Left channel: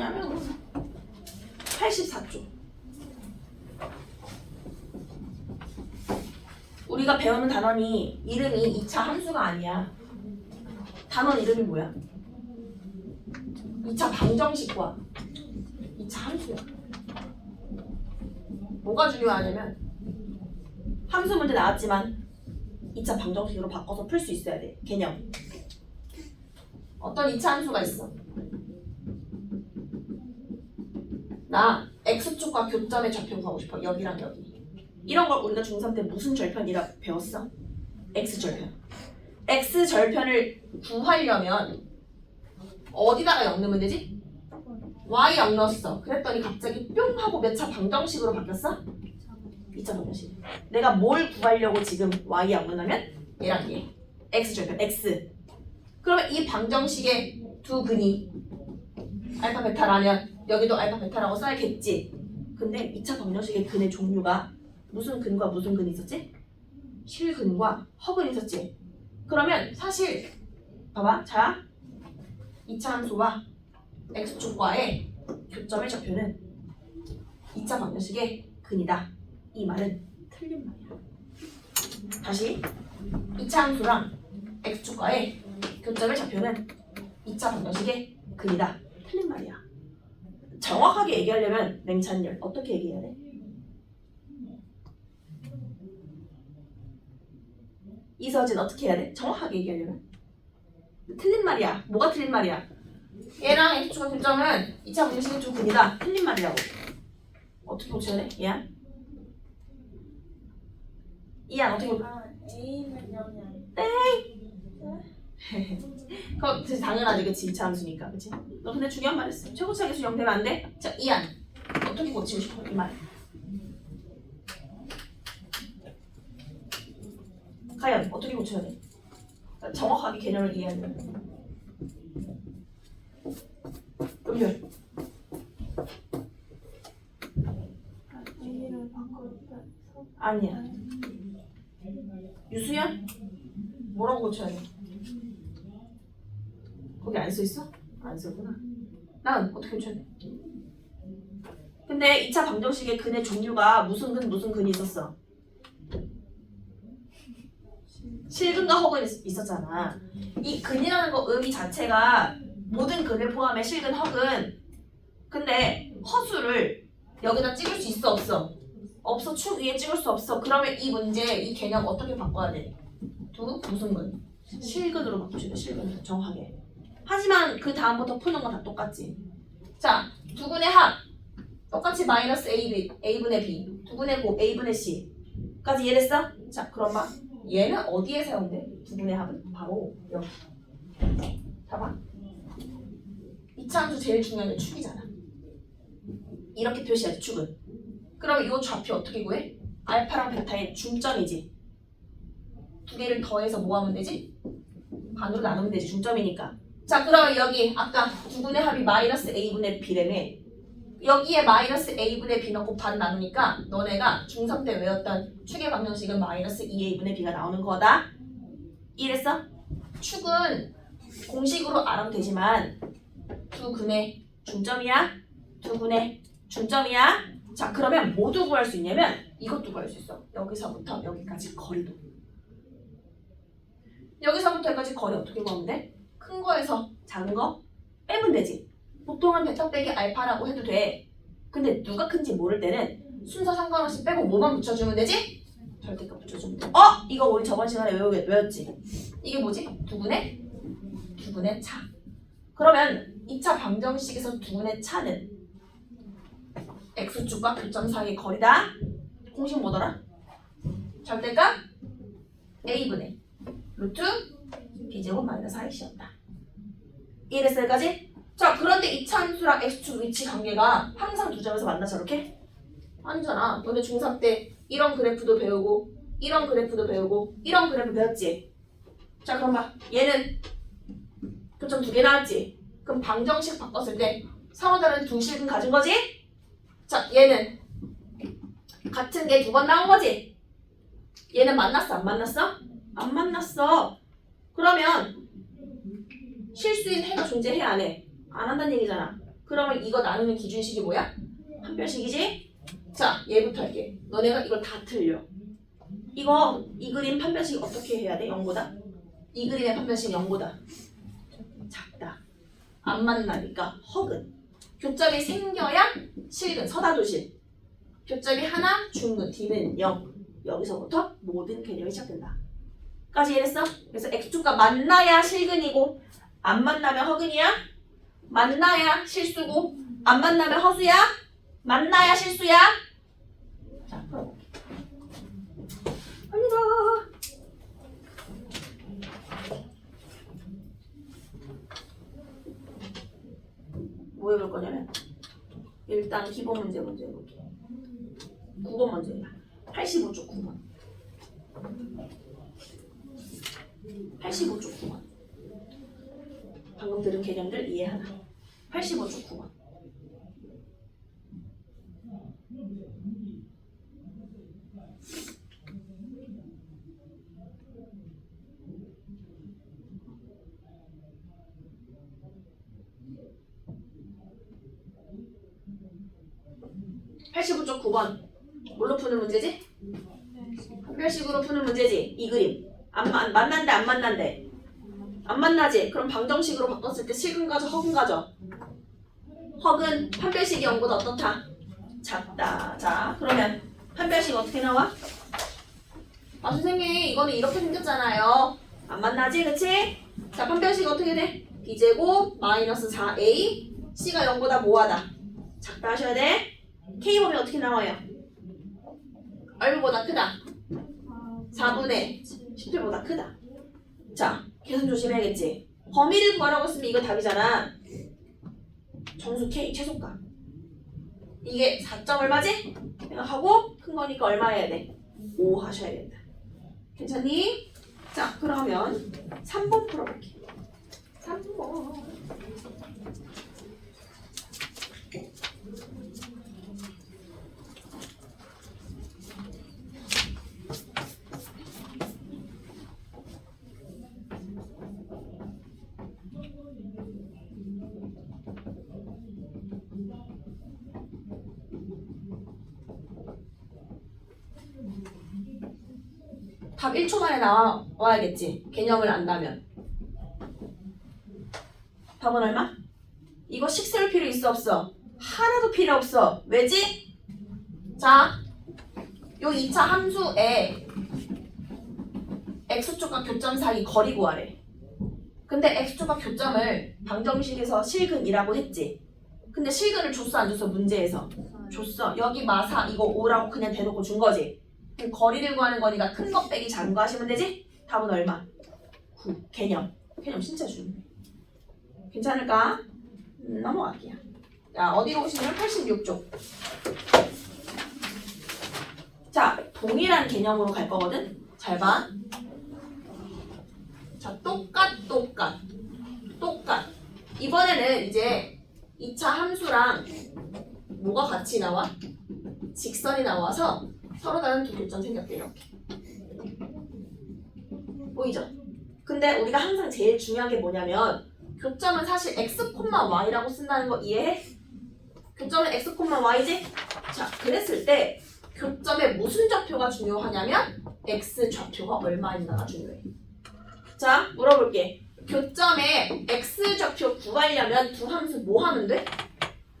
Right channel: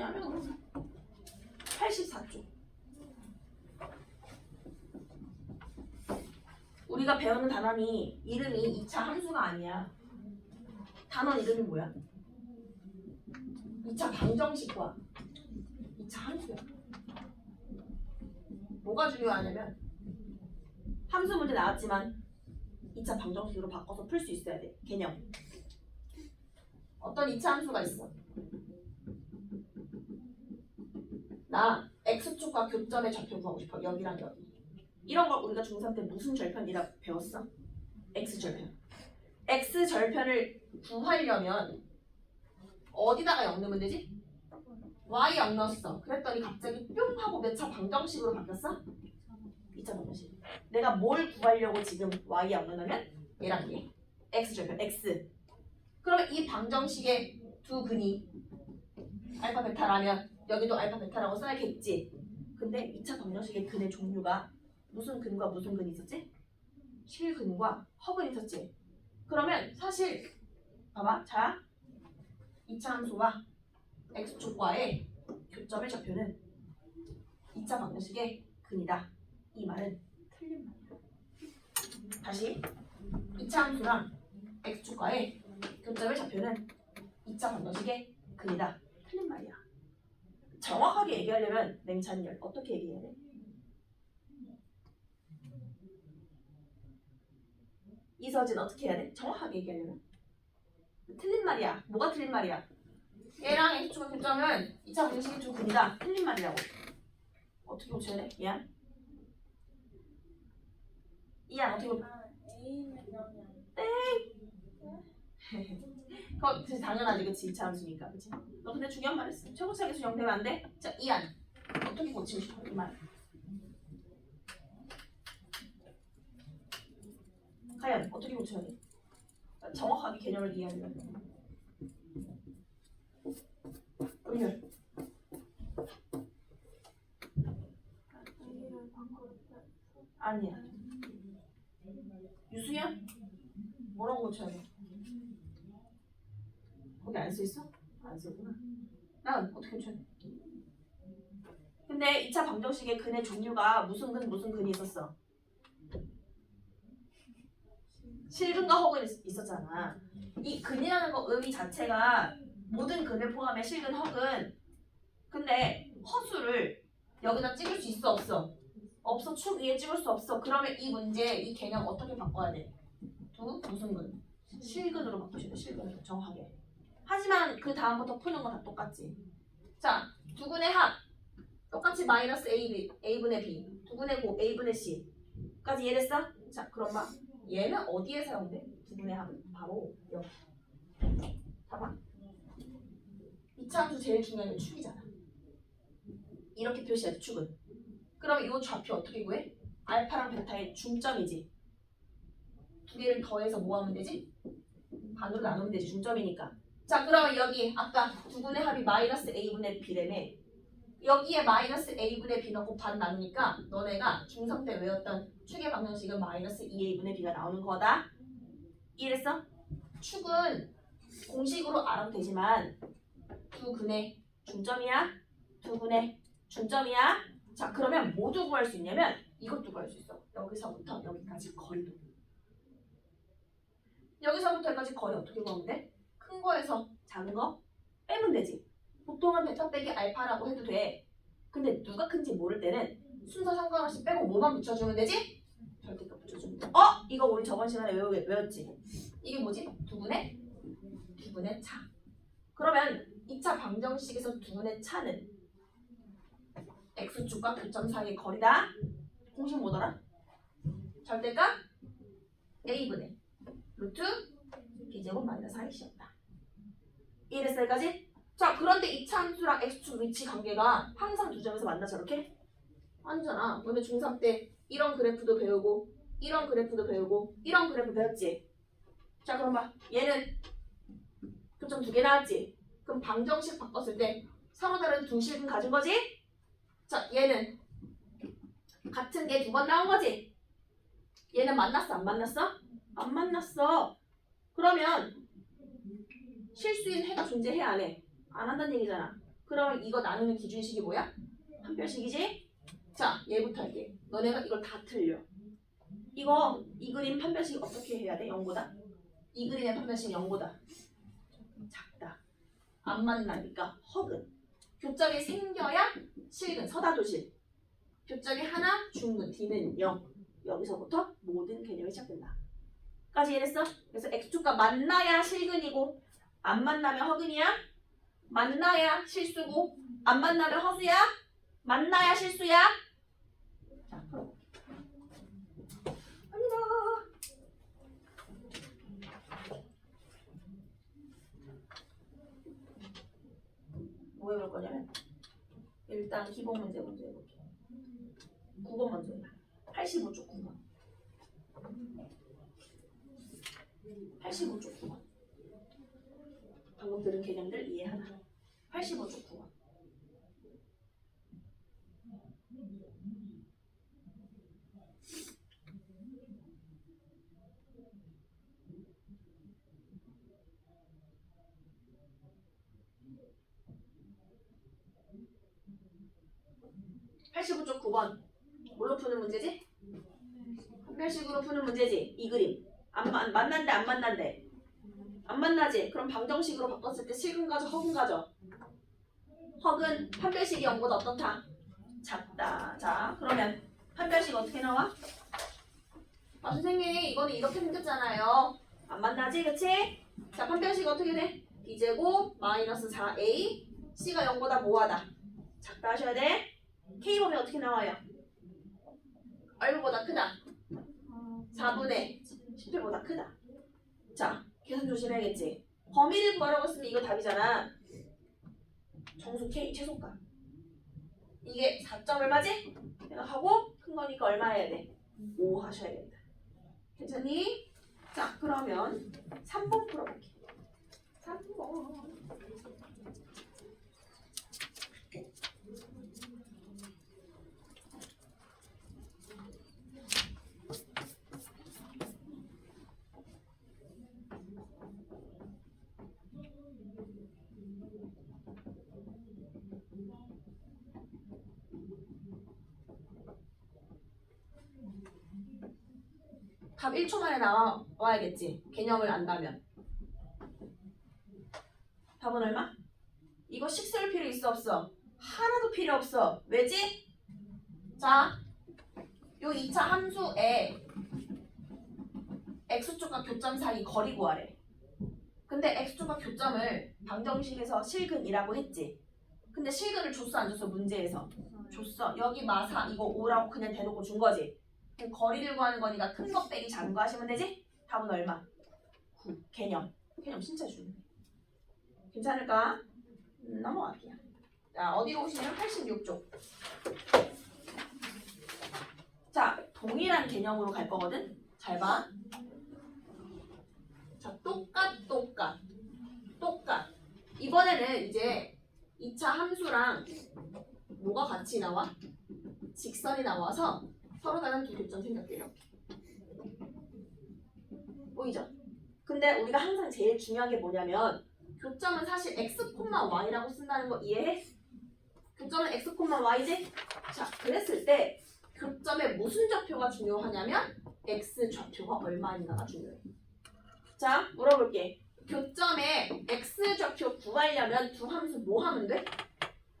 단원이냐면 84쪽. 우리가 배우는 단원이 이름이 2차 함수가 아니야. 단원 이름이 뭐야? 2차 방정식과 2차 함수야. 뭐가 중요하냐면 함수 문제 나왔지만 2차 방정식으로 바꿔서 풀 수 있어야 돼. 개념. 어떤 2차 함수가 있어? 나 x축과 교점의 좌표 구하고 싶어. 여기랑 여기. 이런 걸 우리가 중3 때 무슨 절편이라 배웠어? x절편. x절편을 구하려면 어디다가 0 넣으면 되지? y 0 넣었어. 그랬더니 갑자기 뿅 하고 몇 차 방정식으로 바뀌었어? 2차 방정식. 내가 뭘 구하려고 지금 y 0 넣으면 얘랑 얘. x절편 x. 그러면 이 방정식의 두 근이 알파 베타라면 여기도 알파 베타라고 써야겠지. 근데 2차 방정식의 근의 종류가 무슨 근과 무슨 근이 있었지? 실근과 허근이 있었지. 그러면 사실 봐봐. 자, 2차 함수와 x축과의 교점의 좌표는 2차 방정식의 근이다. 이 말은 틀린 말이야. 다시 2차 함수랑 x축과의 교점의 좌표는 2차 방정식의 근이다. 틀린 말이야. 정확하게 얘기하려면 맹찬열 어떻게 얘기해야 돼? 이서진 어떻게 해야 돼? 정확하게 얘기하려면 틀린 말이야. 뭐가 틀린 말이야? 얘랑 x축과 교점은 2차 방정식의 두 근이다. 틀린 말이라고. 어떻게 고쳐야 돼? 이안? 이안 어떻게 고쳐? A는 0이 아니야. 그거 진짜 당연하지. 그치? 2차 함수니까. 그치? 너 근데 중요한 말 했어. 최고차 계수 0 되면 안 돼? 자, 이안 어떻게 고치고 싶어? 이 말. 과연 어떻게 고쳐야 돼? 정확하게 개념을 이해하려면 음율 A를 바꿔서 아니야. 유수연? 뭐라고 고쳐야 돼? 거기 안 써있어? 안 써있구나. 난 어떻게 고쳐야 돼? 근데 2차 방정식의 근의 종류가 무슨 근 무슨 근이 있었어? 실근과 허근이 있었잖아. 이 근이라는 거 의미 자체가 모든 근을 포함해 실근, 허근. 근데 허수를 여기다 찍을 수 있어 없어? 없어. 축 위에 찍을 수 없어. 그러면 이 문제, 이 개념 어떻게 바꿔야 돼? 두 무슨 근? 실근으로 바꾸시면 실근으로 정확하게. 하지만 그 다음부터 푸는 건 다 똑같지. 자, 두 근의 합 똑같이 마이너스 a분의 b, 두 근의 곱 a분의 c까지 이해됐어? 자, 그럼 봐. 얘는 어디에 세운대? 두 분의 합은 바로 여기. 봐봐. 2차 함수 제일 중요한 게 축이잖아. 이렇게 표시하지 축은. 그럼 이 좌표 어떻게 구해? 알파랑 베타의 중점이지. 두 개를 더해서 뭐 하면 되지? 반으로 나누면 되지. 중점이니까. 자, 그러면 여기 아까 두 분의 합이 마이너스 a분의 b라며. 여기에 마이너스 a분의 b 넣고 반 나누니까 너네가 중3 때 외웠던 축의 방정식은 마이너스 2a분의 b가 나오는 거다. 이해됐어? 축은 공식으로 알아도 되지만 두 근의 중점이야. 두 근의 중점이야. 자, 그러면 뭐도 구할 수 있냐면 이것도 구할 수 있어. 여기서부터 여기까지 거리도. 여기서부터 여기까지 거리 어떻게 구하면 돼? 큰 거에서 작은 거 빼면 되지. 보통은 베타 빼기 알파라고 해도 돼. 근데 누가 큰지 모를 때는 순서 상관없이 빼고 뭐만 붙여주면 되지? 절대값 붙여주면 돼. 이거 우리 저번 시간에 외웠지? 이게 뭐지? 두 분의 차. 그러면 2차 방정식에서 두 분의 차는 x축과 교점 사이의 거리다. 공식 뭐더라? 절대값 a분의 루트 b제곱 마이너스 4x였다. 이해됐어 여기까지? 자, 그런데 2차 함수랑 x축 위치 관계가 항상 두 점에서 만나 저렇게? 아니잖아. 너네 중3 때 이런 그래프도 배우고 이런 그래프도 배우고 이런 그래프 배웠지? 자, 그럼 봐. 얘는 교점 두 개 나왔지? 그럼 방정식 바꿨을 때 서로 다른 두 실근 가진 거지? 자, 얘는 같은 게 두 번 나온 거지? 얘는 만났어? 안 만났어? 안 만났어. 그러면 실수인 해가 존재해 안 해? 안 한다는 얘기잖아. 그러면 이거 나누는 기준식이 뭐야? 판별식이지? 자, 얘부터 할게. 너네가 이걸 다 틀려. 이 그림 판별식 어떻게 해야 돼? 0보다? 이 그림의 판별식 0보다 작다. 안 만나니까 허근. 교점이 생겨야 실근, 서다도실. 교점이 하나, 중근, D는 0. 여기서부터 모든 개념이 시작된다. 까지 이해했어? 그래서 X축과 만나야 실근이고 안 만나면 허근이야. 만나야 실수고 안 만나면 허수야. 만나야 실수야. 자, 풀어볼게. 갑니다. 뭐 해볼 거냐면 일단 기본 문제 먼저 해볼게. 9번 먼저 해봐. 85쪽 9번. 85쪽 9번. 방금 들은 개념들 이해하나? 85쪽 9번. (85쪽 9번) 뭘로 푸는 문제지? 판별식으로 푸는 문제지. 이 그림 만난대 안 만난대? 안 만나지? 그럼 방정식으로 바꿨을 때 실근 가져 허근 가져? 허근 판별식이 0보다 어떻다? 작다. 자 그러면 판별식 어떻게 나와? 아 선생님 이거는 이렇게 생겼잖아요. 안 만나지 그치? 자 판별식 어떻게 돼? b제곱 마이너스 4a c가 0보다 뭐하다? 작다 하셔야 돼. k법이 어떻게 나와요? 얼마보다 크다? 4분의 17보다 크다. 자 계산 조심해야겠지. 범위를 구하라고 했으면 이거 답이잖아. 정수 k 최소값. 이게 4점 얼마지? 생각하고 큰 거니까 얼마 해야 돼? 5 하셔야 된다. 괜찮니? 자 그러면 3번 풀어볼게. 3번. 답 1초 만에 나와야겠지. 개념을 안다면. 답은 얼마? 이거 식 세울 필요 있어 없어? 하나도 필요 없어. 왜지? 자, 요 2차 함수에 x축과 교점 사이 거리 구하래. 근데 x축과 교점을 방정식에서 실근이라고 했지. 근데 실근을 줬어 안 줬어? 문제에서 줬어. 여기 마사 이거 5라고 그냥 대놓고 준 거지. 그럼 거리를 구하는 거니까 큰 거 빼기 작은 거 하시면 되지? 답은 얼마? 9. 개념 진짜 중요해. 괜찮을까? 넘어갈게요. 자 어디로 오시면 86쪽. 자 동일한 개념으로 갈 거거든. 잘 봐. 자 똑같. 이번에는 이제 2차 함수랑 뭐가 같이 나와? 직선이 나와서 서로 다른 두 교점 생겼대. 이렇게 보이죠? 근데 우리가 항상 제일 중요한 게 뭐냐면 교점은 사실 x, y라고 쓴다는 거 이해해? 교점은 x, y지? 자 그랬을 때 교점에 무슨 좌표가 중요하냐면 x 좌표가 얼마인가가 중요해. 자 물어볼게. 교점에 x 좌표 구하려면 두 함수 뭐 하면 돼?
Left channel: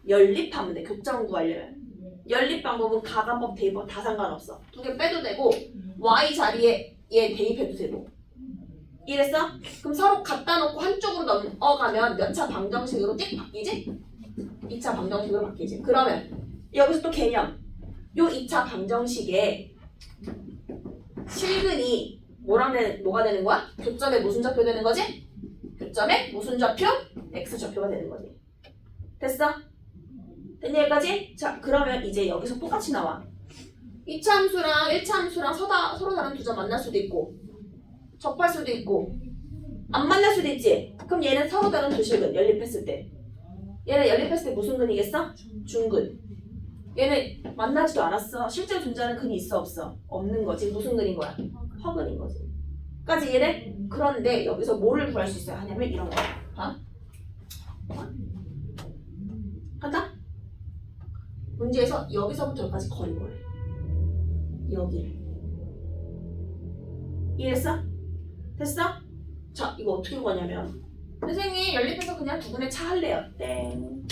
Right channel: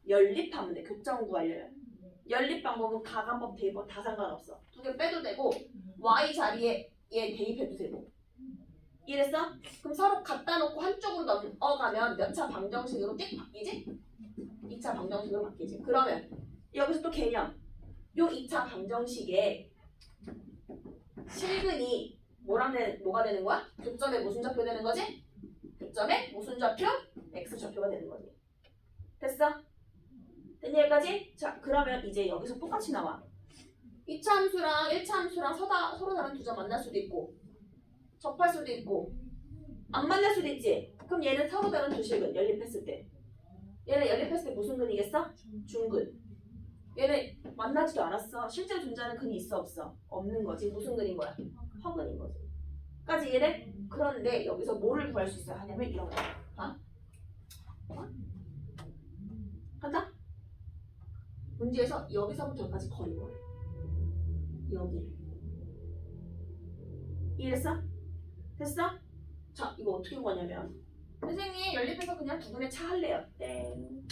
연립하면 돼. 교점 구하려면. 연립 방법은 가간법, 대입법 다 상관없어. 두 개 빼도 되고 y 자리에 얘 대입해도 되고. 이랬어? 그럼 서로 갖다 놓고 한쪽으로 넘어가면 몇 차 방정식으로 띡 바뀌지? 2차 방정식으로 바뀌지. 그러면 여기서 또 개념. 요 2차 방정식에 실근이 뭐가 되는 거야? 교점에 무슨 좌표 되는 거지? 교점에 무슨 좌표? x 좌표가 되는 거지. 됐어? 됐니 여기까지? 자 그러면 이제 여기서 똑같이 나와. 2차 함수랑 1차 함수랑 서로 다른 두 점 만날 수도 있고 접할 수도 있고 안 만날 수도 있지. 그럼 얘는 서로 다른 두 실근 연립했을 때 얘는 연립했을 때 무슨 근이겠어? 중근. 얘는 만나지도 않았어. 실제로 존재하는 근이 있어 없어? 없는 거지. 무슨 근인 거야? 허근인 거지. 까지 이해돼? 그런데 여기서 뭐를 구할 수 있어야 하냐면 이런 거야. 봐. 간다? 문제에서 여기서부터 여기까지 거리 뭐래? 여기를. 이해했어? 됐어? 자, 이거 어떻게 구하냐면 선생님 연립해서 그냥 두분의 차 할래요. 땡.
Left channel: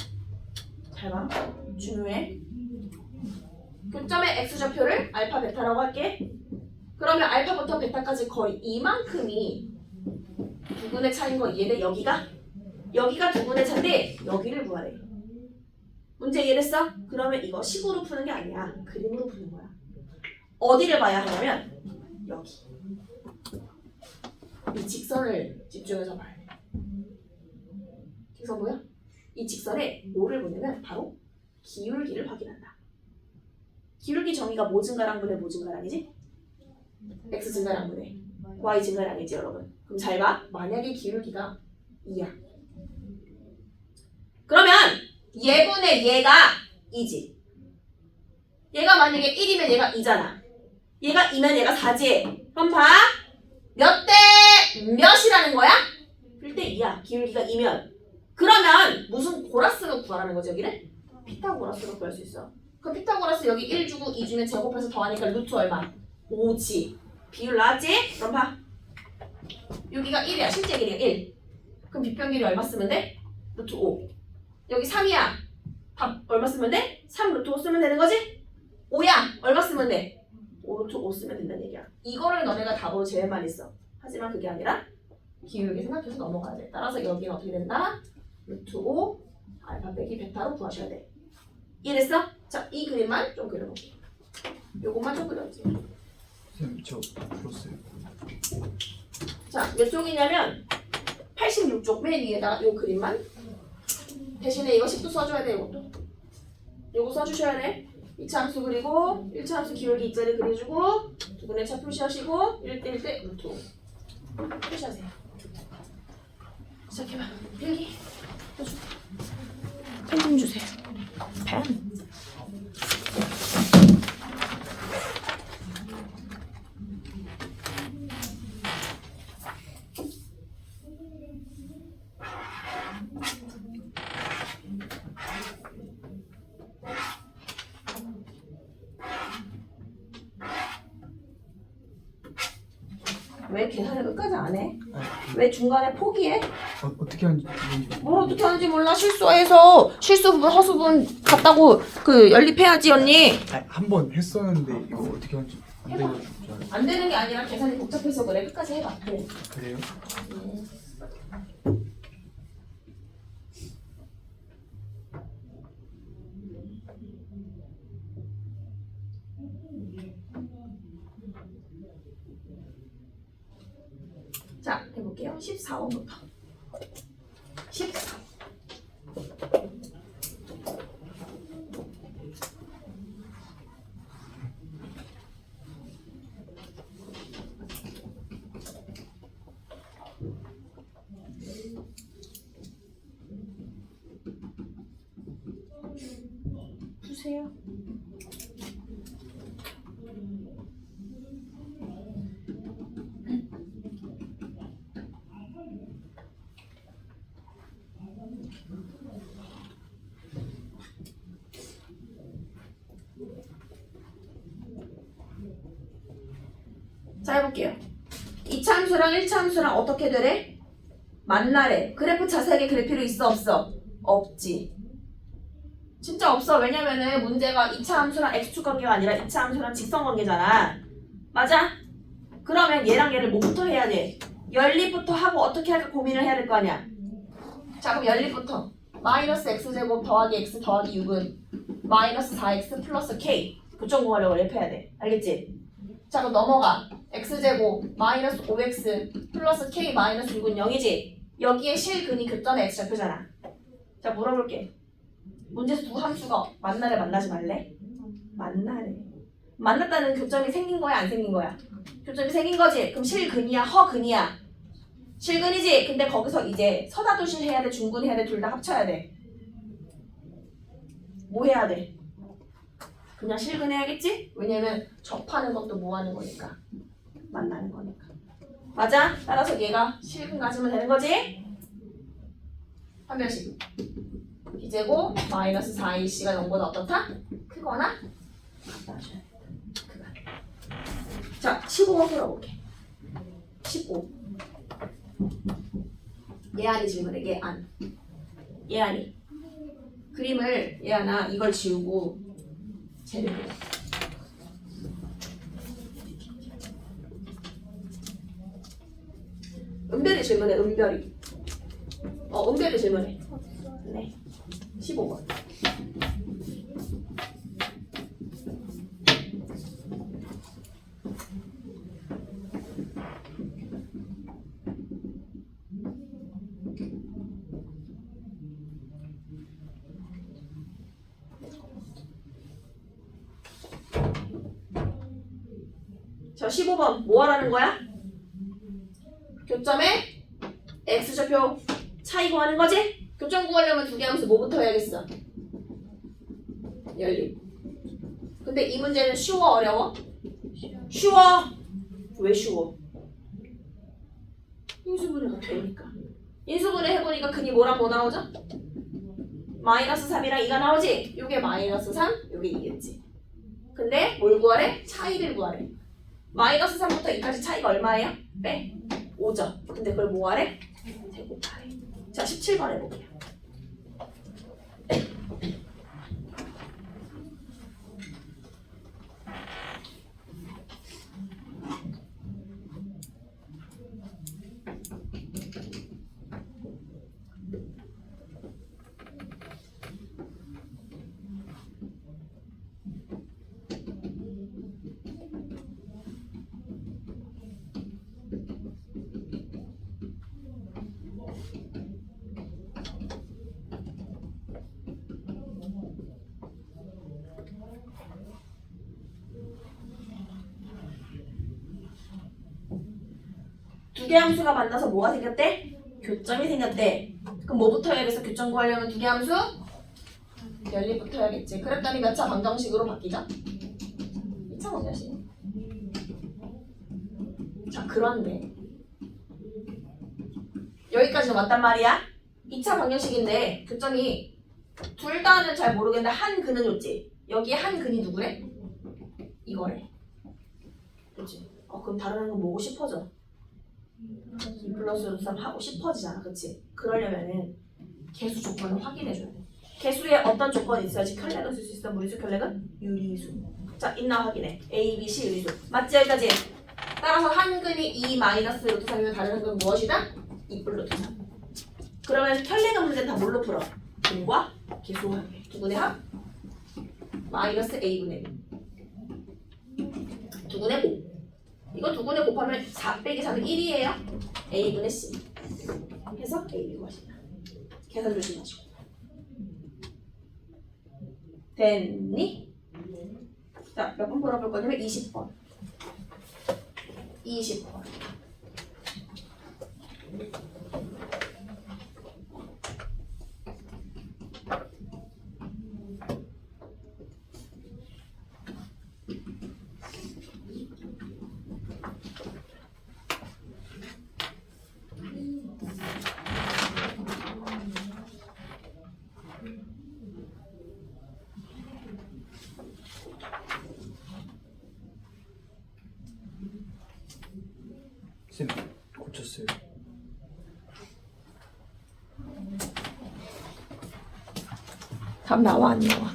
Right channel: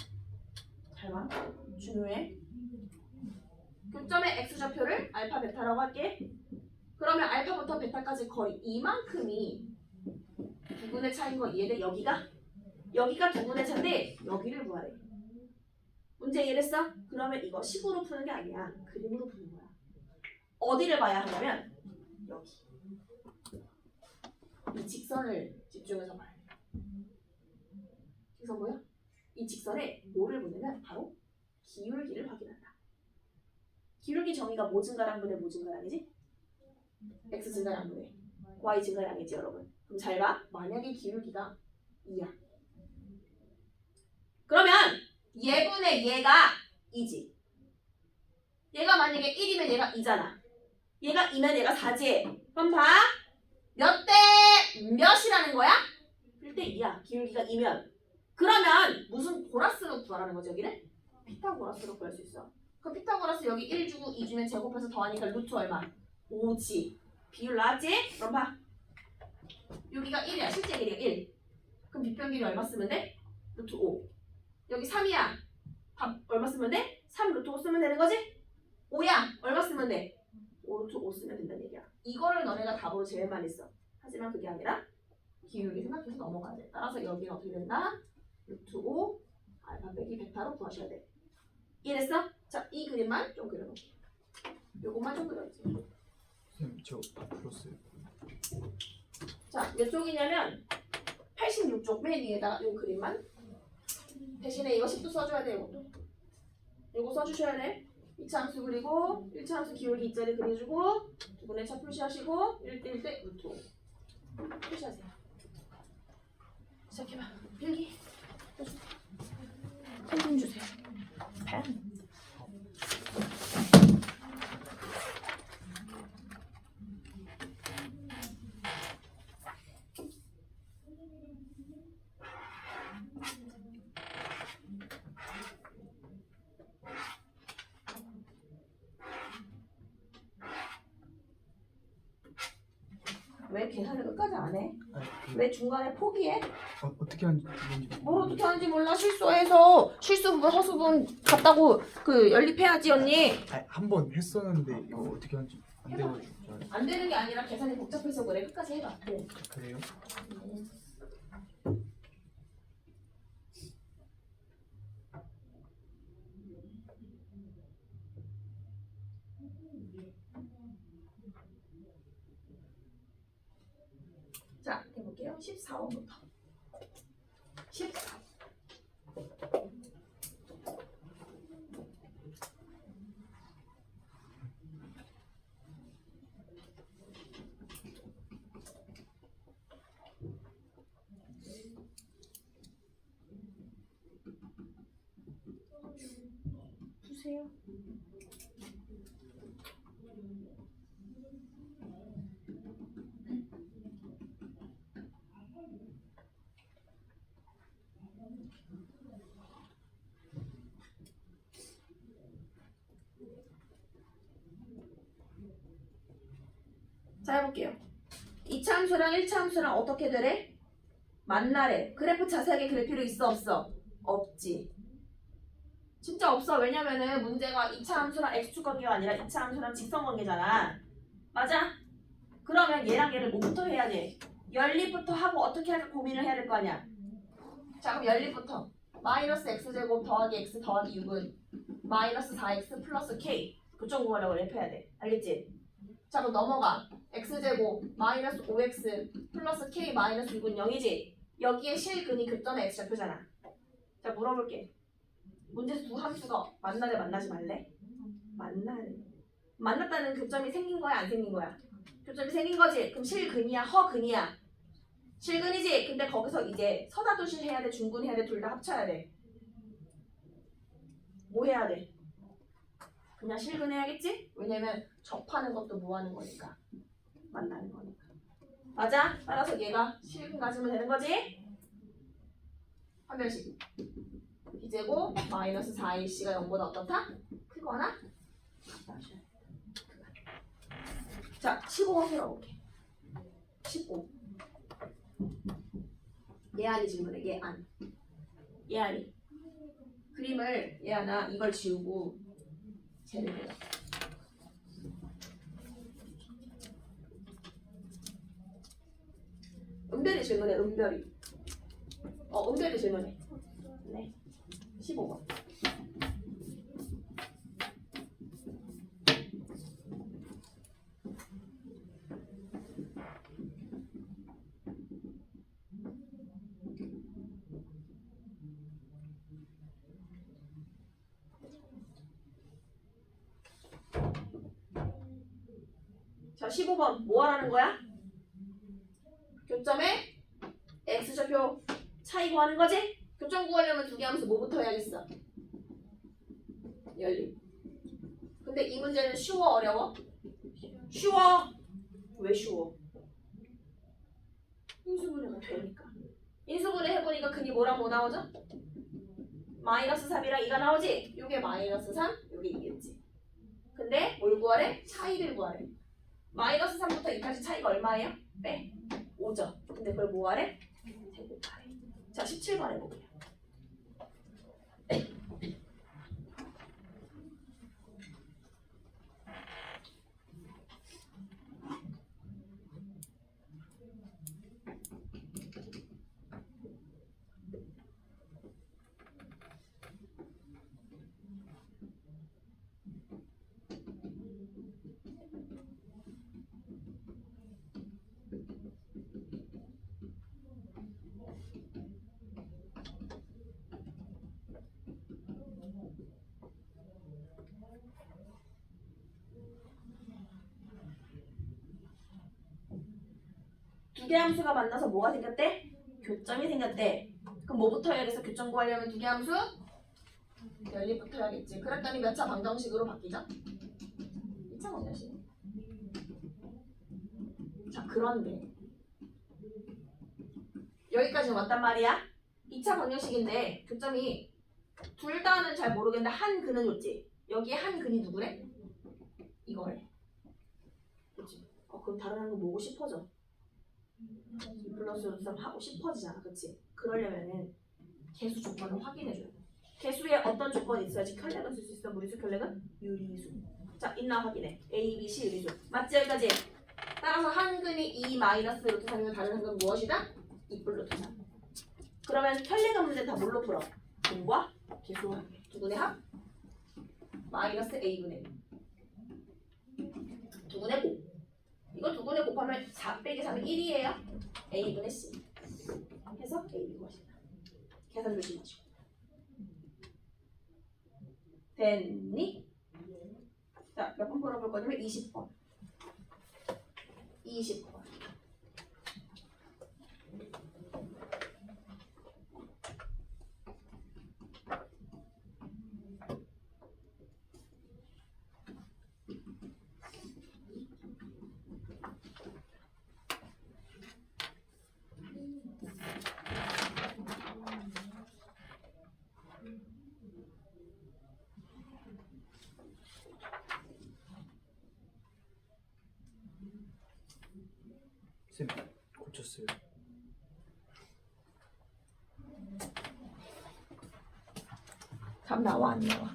잘 봐. 중요해. 교점의 x좌표를 알파 베타라고 할게. 그러면 알파부터 베타까지 거리 이만큼이 두분의 차인 거 이해돼? 여기가 두분의 차인데 여기를 구하래. 문제 이해됐어? 그러면 이거 식으로 푸는 게 아니야. 그림으로 푸는 거야. 어디를 봐야 하냐면 여기. 이 직선을 집중해서 봐야 돼. 직선 뭐야? 이 직선에 뭐를 보냐면 바로 기울기를 확인한다. 기울기 정의가 뭐 증가량분의 뭐 증가량이지? x 증가량분의 y 증가량이지 여러분. 그럼 잘 봐. 만약에 기울기가 2야. 그러면 얘분의 얘가 2지. 얘가 만약에 1이면 얘가 2잖아. 얘가 2면 얘가 4지. 그럼 봐. 몇 대 몇이라는 거야? 1대 2야. 기울기가 2면. 그러면 무슨 고라스로 구하라는 거지 여기를? 피타고라스로 구할 수 있어. 그럼 피타고라스 여기 1 주고 2 주면 제곱해서 더하니까 루트 얼마? 5지. 비율 나왔지? 그럼 봐. 여기가 1이야. 실제 길이가 1. 그럼 빗변 길이 얼마 쓰면 돼? 루트 5. 여기 3이야. 답 얼마 쓰면 돼? 3 루트 5 쓰면 되는 거지? 5야. 얼마 쓰면 돼? 5 루트 5 쓰면 된다는 얘기야. 이거를 너네가 답으로 제일 많이 써. 하지만 그게 아니라 기울기 생각해서 넘어가야 돼. 따라서 여기는 어떻게 된다? 루트 5 알파 빼기 베타로 구하셔야 돼. 이해됐어? 자, 이 그림만 좀 그려놓을게. 요것만 좀 그려주세요. 선생님 저 풀었어요. 자, 몇 쪽이냐면 86쪽 맨 위에다가 요 그림만 대신에 이거 10도 써줘야 돼. 이것도 요거 써주셔야 돼. 2차 함수 그리고 1차 함수 기울기 입자를 그려주고 두분의 차 표시하시고 1대 1대 루트 5 표시하세요. 시작해봐. 필기 펜 좀 주세요. 펜. 왜 계산을 끝까지 안 해? 왜 중간에 포기해? 어떻게 하는지 뭘 어떻게 하는지 몰라. 실수해서 실수 부분 허수 부분 같다고 그 연립해야지 언니. 한번 했었는데 이거 어떻게 하는지 안 해봐. 돼가지고 잘. 안 되는 게 아니라 계산이 복잡해서 그래. 끝까지 해봐. 그래. 그래요? 자, 해볼게요. 14번부터. 14. 푸세요. 자, 해볼게요. 2차 함수랑 1차 함수랑 어떻게 되래? 만나래. 그래프 자세하게 그릴 필요 있어 없어? 없지. 진짜 없어. 왜냐면은 문제가 2차 함수랑 x축 관계가 아니라 2차 함수랑 직선 관계잖아. 맞아? 그러면 얘랑 얘를 뭐부터 해야 돼? 연립부터 하고 어떻게 할까 고민을 해야 될 거 아니야. 자, 그럼 연립부터 마이너스 x제곱 더하기 x 더하기 6은 마이너스 4x 플러스 k 부정공하려고 연립해야 돼. 알겠지? 자, 그럼 넘어가. x제곱 마이너스 5x 플러스 k 마이너스 6은 0이지? 여기에 실근이 교점의 x좌표잖아. 자, 물어볼게. 문제에서 두 함수가 만나래 만나지 말래? 만나래. 만났다는 교점이 생긴 거야 안 생긴 거야? 교점이 생긴 거지? 그럼 실근이야 허근이야? 실근이지? 근데 거기서 이제 서다도실 해야 돼 중근 해야 돼 둘 다 합쳐야 돼. 뭐 해야 돼? 그냥 실근해야겠지? 왜냐면 접하는 것도 뭐 하는 거니까 만나는 거니까. 맞아? 따라서 얘가 실근 가지면 되는 거지? 한 변씩. b제곱 마이너스 4ac가 0보다 어떻다? 크거나 같다 하셔야 된다. 그거. 자, 15번 풀어볼게. 15. 예안이 질문해. 예안이. 그림을 예안아 이걸 지우고 쟤를 그려. 은별이 질문해. 은별이. 은별이 질문해. 네. 15번. 자, 15번 뭐 하라는 거야? 교점에 x좌표 차이 구하는 거지? 교점 구하려면 두 개 함수 뭐부터 해야겠어? 열림. 근데 이 문제는 쉬워 어려워? 쉬워. 왜 쉬워? 인수분해가 되니까. 인수분해 해보니까 근이 뭐랑 뭐 나오죠? 마이너스 3이랑 2가 나오지? 요게 마이너스 3, 요게 2겠지. 근데 뭘 구하래? 차이를 구하래. 마이너스 3부터 2까지 차이가 얼마예요? 빼. 5죠. 근데 그걸 뭐하래? 제곱하래. 자, 17번 해볼게요. 두 개 함수가 만나서 뭐가 생겼대? 교점이 생겼대. 그럼 뭐부터 해야겠어? 교점 구하려면 두 개 함수? 연립부터 해야겠지. 그랬더니 몇 차 방정식으로 바뀌죠? 2차 방정식. 자, 그런데 여기까지는 맞단 말이야. 2차 방정식인데 교점이 둘 다는 잘 모르겠는데 한 근은 줬지. 여기에 한 근이 누구래? 이거래. 그치? 그럼 다른 거 보고 싶어져. 2 플러스 루트 3 하고 싶어지잖아. 그치? 그러려면은 개수 조건을 확인해줘야 돼. 개수에 어떤 조건이 있어야지 켤레를 쓸 수 있어? 무리수 켤레는? 유리수. 자, 있나 확인해. A, B, C 유리수. 맞지? 여기까지? 따라서 한 근이 2 마이너스 루트 3이면 다른 한 근은 무엇이다? 2 플러스 루트 3. 그러면 켤레가 문제는 다 뭘로 풀어? 근과 개수와 함께. 두 근의 합? 마이너스 A분의 B. 두 근의 곱. 이거 두 근에 곱하면 4 빼기 4는 1이에요. A분의 C. 해서 A 구하시다. 계산 조심하시고. 됐니? 자, 몇 번 풀어볼 거냐면 20번. 20번. 쌤 고쳤어요. 답 나와 안 나와?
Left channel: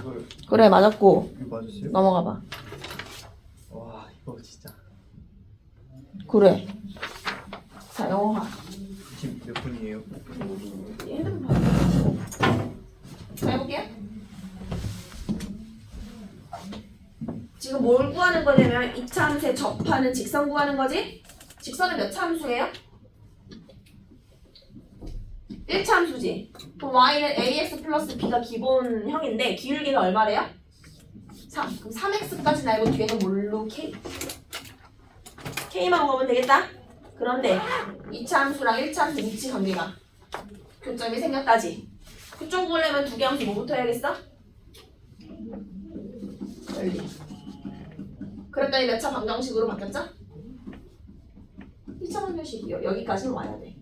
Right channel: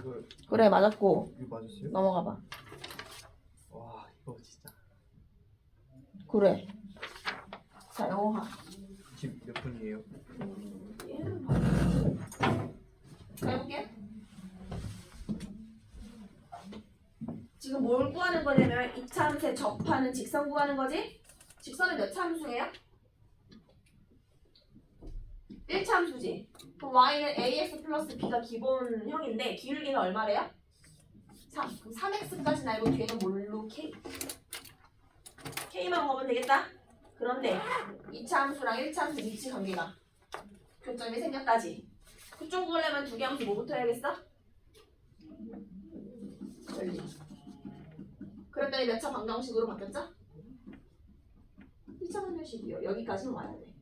이걸 그래 맞았고 이거 맞았어요? 넘어가봐. 와 이거 진짜 그래. 자 영어화. 지금 몇 분이에요? 얘는 봐요. 자 해볼게. 지금 뭘 구하는 거냐면 2차 함수에 접하는 직선 구하는 거지? 직선은 몇 차 함수예요? 1차 함수지. 그럼 y는 ax 플러스 b가 기본형인데 기울기는 얼마래요? 3. 그럼 3x까지는 알고 뒤에는 뭘로 k? k만 구하면 되겠다. 그런데 2차 함수랑 1차 함수 위치 관계가 교점이 생겼다지. 교점 구하려면 두 개 함수 뭐부터 해야겠어? 열리. 그랬더니 몇 차 방정식으로 바뀌었죠? 2차 방정식이요. 여기까지는 와야 돼.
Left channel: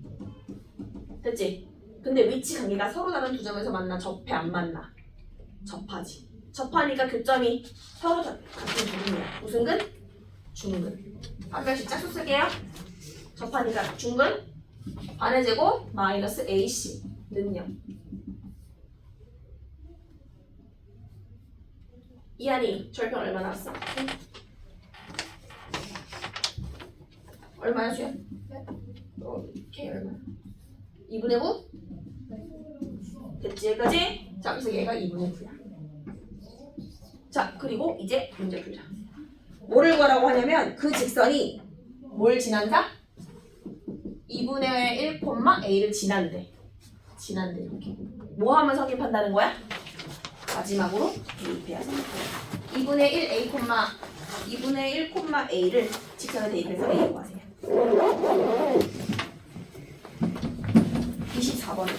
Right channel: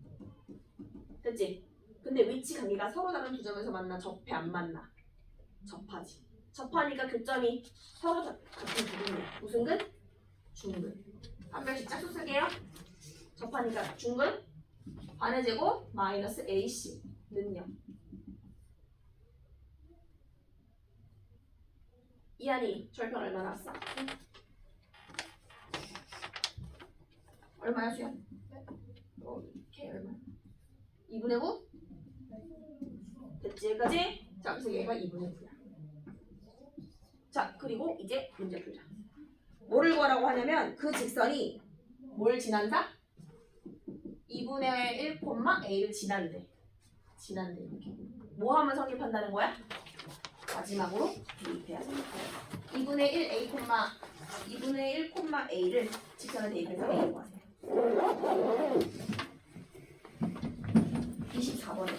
됐지? 근데 위치 관계가 서로 다른 두 점에서 만나 접해 안 만나? 접하지. 접하니까 교점이 서로 같은 두근이야. 무슨 근? 중근. 한 명씩 짝수 쓸게요. 접하니까 중근 반의 제곱 마이너스 AC는요. 이한이 절편 얼마 나왔어? 얼마야 수연? K 얼마? 2분의 9? 됐지 여기까지? 자 그래서 얘가 2분의 9야. 자 그리고 이제 문제 풀자. 뭐를 구하라고 하냐면 그 직선이 뭘 지난다? 2분의 1, A를 지난대. 지난대 이렇게. 뭐 하면 성립한다는 거야? 마지막으로 대입해야 성립해요. 2분의 1, A, 2분의 1, A를 직선에 대입해서 A 구하세요. 24번에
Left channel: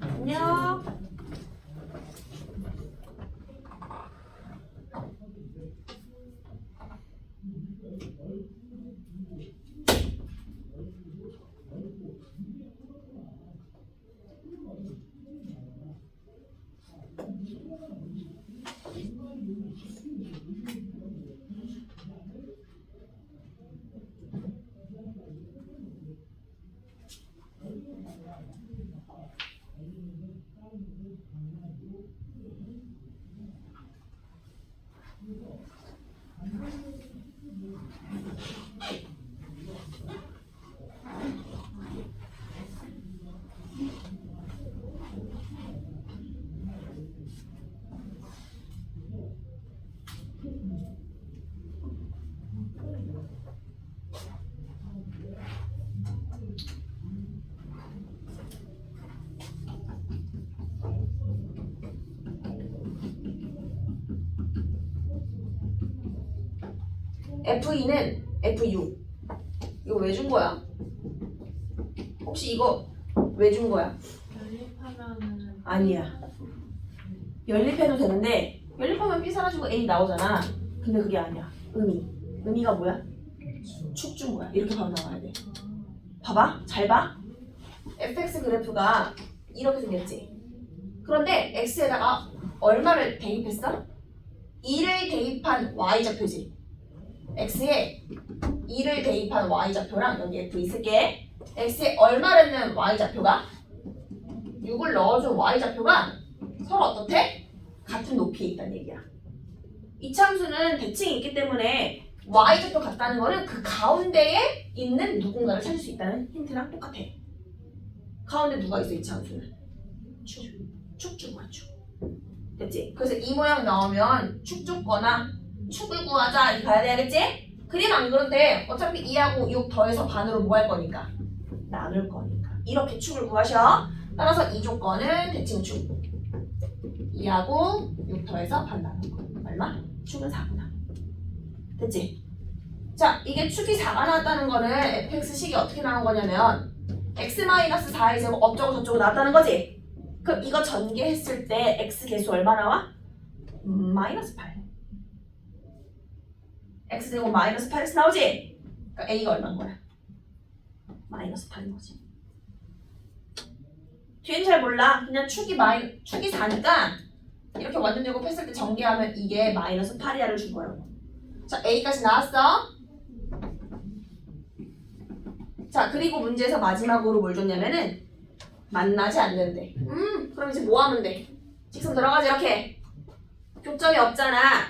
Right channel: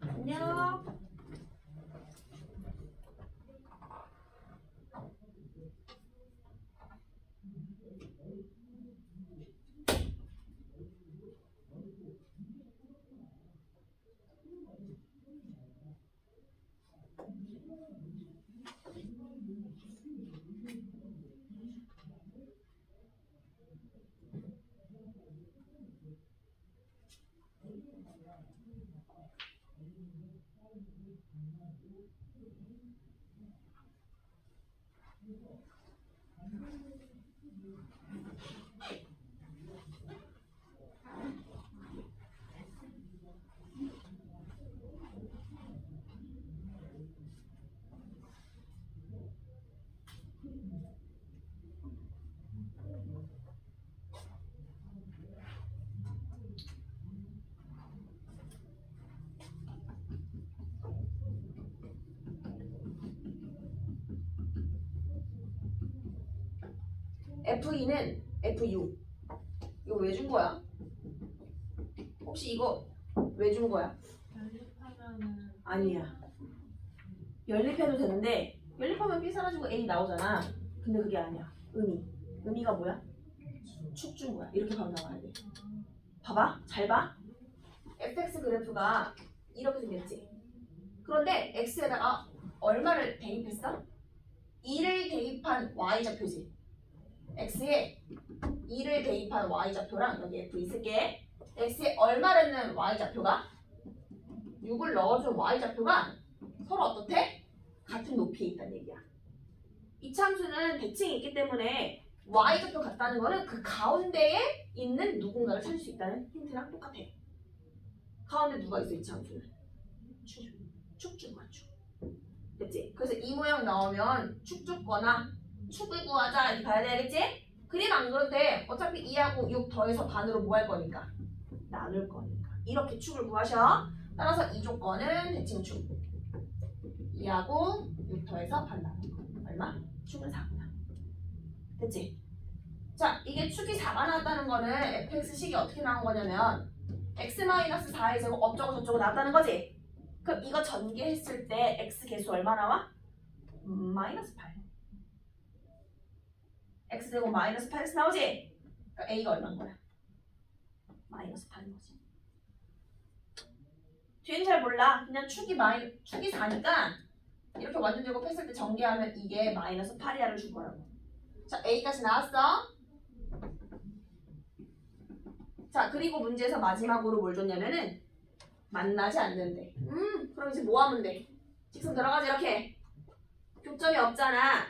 안녕. F2는 F6. 이거 왜 준 거야? 혹시 이거 왜 준 거야? 연립하면은 아니야. 연립해도 되는데 연립하면 B 사라지고 A 나오잖아. 근데 그게 아니야. 의미가 뭐야? 축 준 거야. 이렇게 바로 나와야 돼. 봐봐. 잘 봐. fx 그래프가 이렇게 생겼지. 그런데 x에다가 얼마를 대입했어? 2를 대입한 y좌표지. x에 2를 대입한 y좌표랑 여기 f 있을게. x에 얼마를 넣은 y좌표가 6을 넣어준 y좌표가 서로 어떻대? 같은 높이에 있다는 얘기야. 이차함수는 대칭이 있기 때문에 y좌표 같다는 거는 그 가운데에 있는 누군가를 찾을 수 있다는 힌트랑 똑같아. 가운데 누가 있어 이차함수는? 축 준 거야 축. 됐지? 그래서 이 모양 나오면 축 줬거나 축을 구하자 이렇게 가야 되겠지? 그림 안 그런데 어차피 2하고 6 더해서 반으로 뭐 할 거니까? 나눌 거니까 이렇게 축을 구하셔. 따라서 이 조건은 대칭축 2하고 6 더해서 반 나눌 거 얼마? 축은 4구나. 됐지? 자 이게 축이 4가 나왔다는 거는 fx식이 어떻게 나온 거냐면 x-4의 제곱 어쩌고 저쩌고 나왔다는 거지? 그럼 이거 전개했을 때 x 개수 얼마 나와? 마이너스 8. x제곱 마이너스 8x 나오지? 그러니까 a가 얼마인 거야? 마이너스 8인 거지. 뒤엔 잘 몰라. 그냥 축이 4니까 이렇게 완전 제곱했을 때 전개하면 이게 마이너스 8이야를 준 거라고. 자 a까지 나왔어. 자 그리고 문제에서 마지막으로 뭘 줬냐면은 만나지 않는데. 그럼 이제 뭐 하면 돼? 직선 들어가지 이렇게. 교점이 없잖아.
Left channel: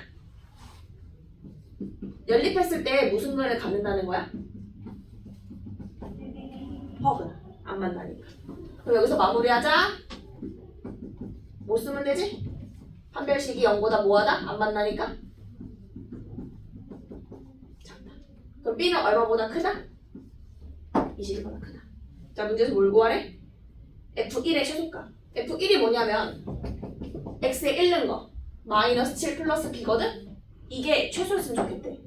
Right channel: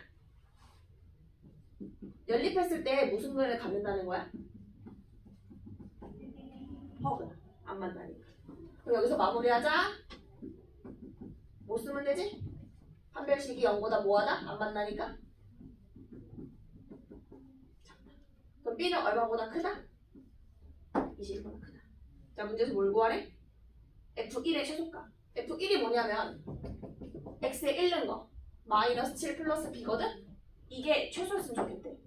연립했을 때 무슨 근을 갖는다는 거야? 허근. 안 만나니까. 그럼 여기서 마무리하자. 뭐 쓰면 되지? 판별식이 0보다 뭐하다? 안 만나니까? 작다. 그럼 B는 얼마보다 크다? 21보다 크다. 자 문제에서 뭘 구하래? F1의 최소값. F1이 뭐냐면 X에 1 넣은 거 마이너스 7 플러스 B거든? 이게 최소였으면 좋겠대.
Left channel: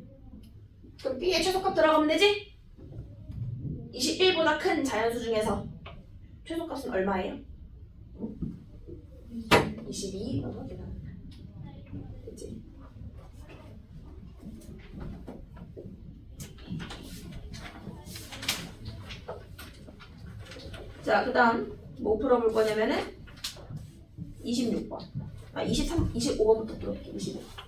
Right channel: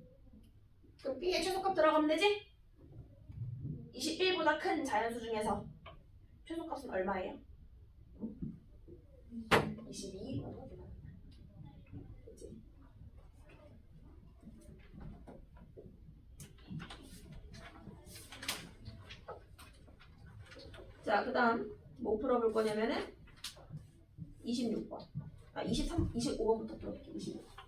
그럼 B의 최소값 들어가면 되지? 21보다 큰 자연수 중에서 최소값은 얼마예요? 22. 그치? 자, 그 다음 뭐 풀어볼 거냐면은 26번. 25번부터 풀어볼게. 25번.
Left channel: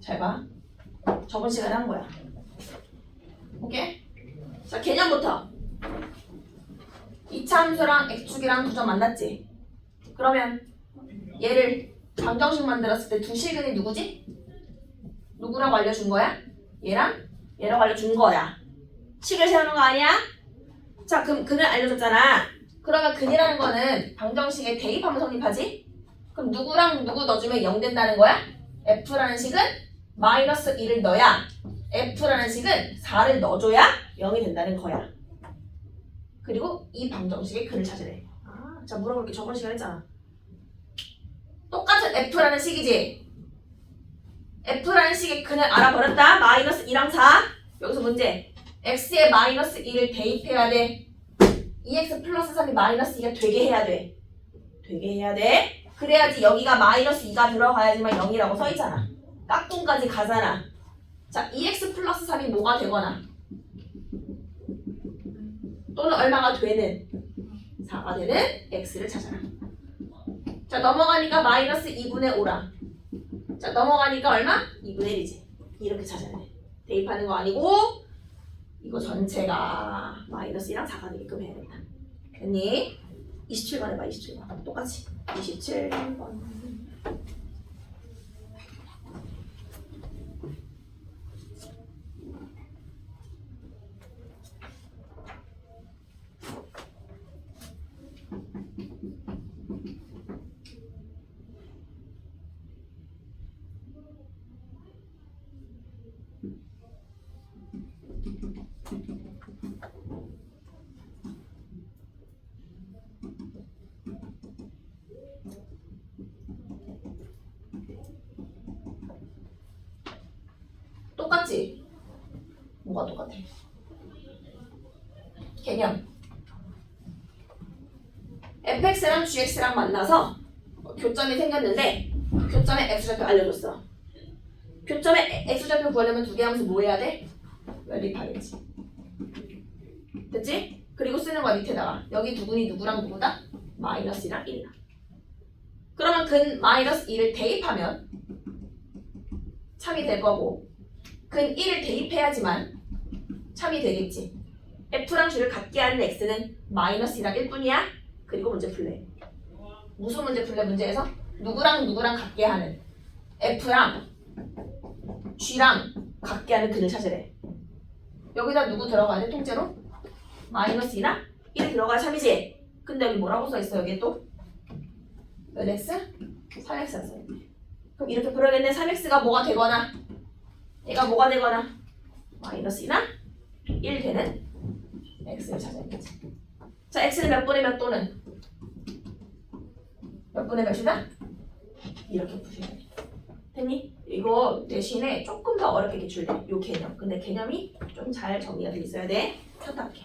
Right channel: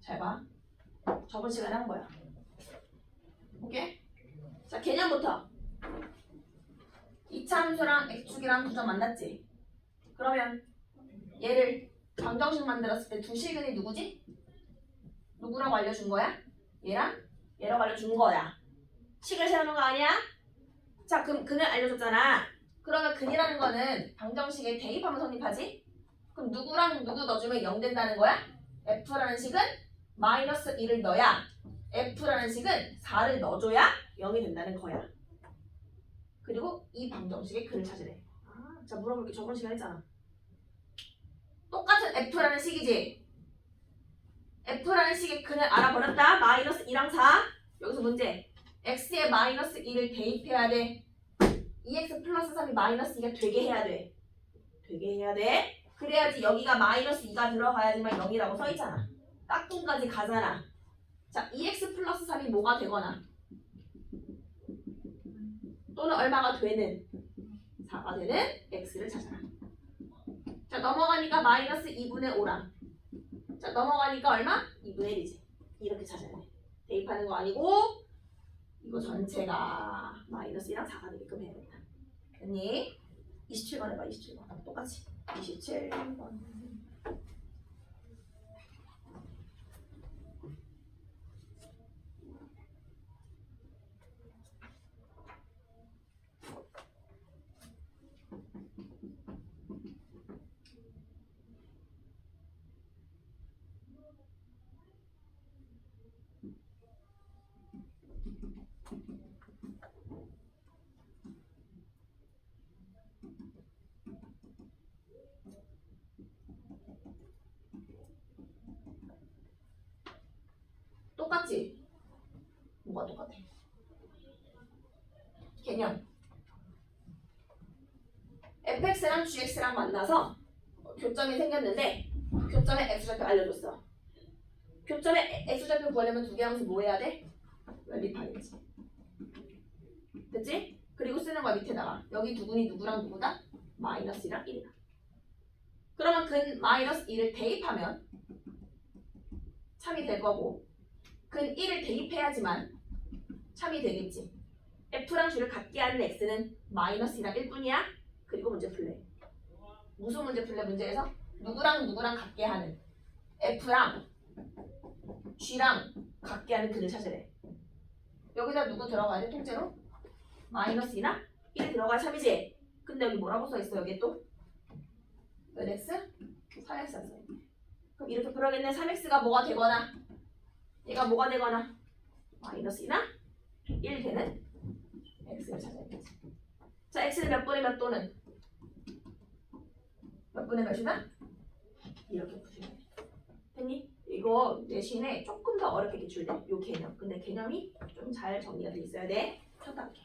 잘 봐. 저번 시간에 한 거야. 오케이? 자, 개념부터. 이차함수랑 x축이랑 두 점 만났지? 그러면 얘를 방정식 만들었을 때 두 실근이 누구지? 누구라고 알려준 거야? 얘랑 얘라고 알려준 거야. 식을 세우는 거 아니야? 자, 그럼 근을 알려줬잖아. 그러면 근이라는 거는 방정식에 대입하면 성립하지? 그럼 누구랑 누구 넣어주면 0 된다는 거야? f라는 식은 마이너스 1을 넣어야 f라는 식은 4를 넣어줘야 0이 된다는 거야. 그리고 이 방정식의 근을 찾으래. 자, 물어볼게. 저번 시간에 했잖아. 똑같은 f라는 식이지? f라는 식의 근을 알아버렸다. 마이너스 2랑 4. 여기서 문제. x에 마이너스 2를 대입해야 돼. 2x 플러스 3이 마이너스 2가 되게 해야 돼. 되게 해야 돼. 그래야지 여기가 마이너스 2가 들어가야지만 0이라고 써있잖아. 깍꿍까지 가잖아. 자, 2x 플러스 3이 뭐가 되거나 또는 얼마가 되는 4가 되는 x를 찾아라. 자, 넘어가니까 마이너스 2분의 5랑 자, 넘어가니까 얼마? 2분의 1이지. 이렇게 찾아야 돼. 대입하는 거 아니고 이거 전체가 마이너스 2랑 4가 되게끔 해야겠다. 됐니? 27번 해봐. 27번 똑같이 27번. 똑같지? 뭐가 똑같아? 개념. fx랑 gx랑 만나서 교점이 생겼는데 교점의 x좌표 알려줬어. 교점의 x좌표 구하려면 두 개 하면서 뭐 해야 돼? 연립하겠지. 됐지? 그리고 쓰는 거야 밑에다가. 여기 두근이 누구랑 누구다? 마이너스 2랑 1이다. 그러면 근 마이너스 2를 대입하면 참이 될 거고 근 1을 대입해야지만 참이 되겠지. f랑 g를 같게 하는 x는 마이너스 2랑 1뿐이야. 그리고 문제 풀래. 무슨 문제 풀래? 문제에서 누구랑 누구랑 같게 하는 f랑 g랑 같게 하는 근을 찾으래. 여기다 누구 들어가야 돼? 통째로? 마이너스 2랑 1 들어가야 참이지? 근데 여기 뭐라고 써있어? 여기에 또? 몇 x? 3x가 써있네. 그럼 이렇게 풀어야겠네. 3x가 뭐가 되거나 얘가 뭐가 되거나 마이너스 2나 1 되는 x를 찾아야겠지. 자, x는 몇 분의 몇 또는 몇 분의 몇이다? 이렇게 푸셔야 돼. 됐니? 이거 대신에 조금 더 어렵게 기출돼. 요 개념. 근데 개념이 좀 잘 정리가 돼 있어야 돼. 쳤다 할게.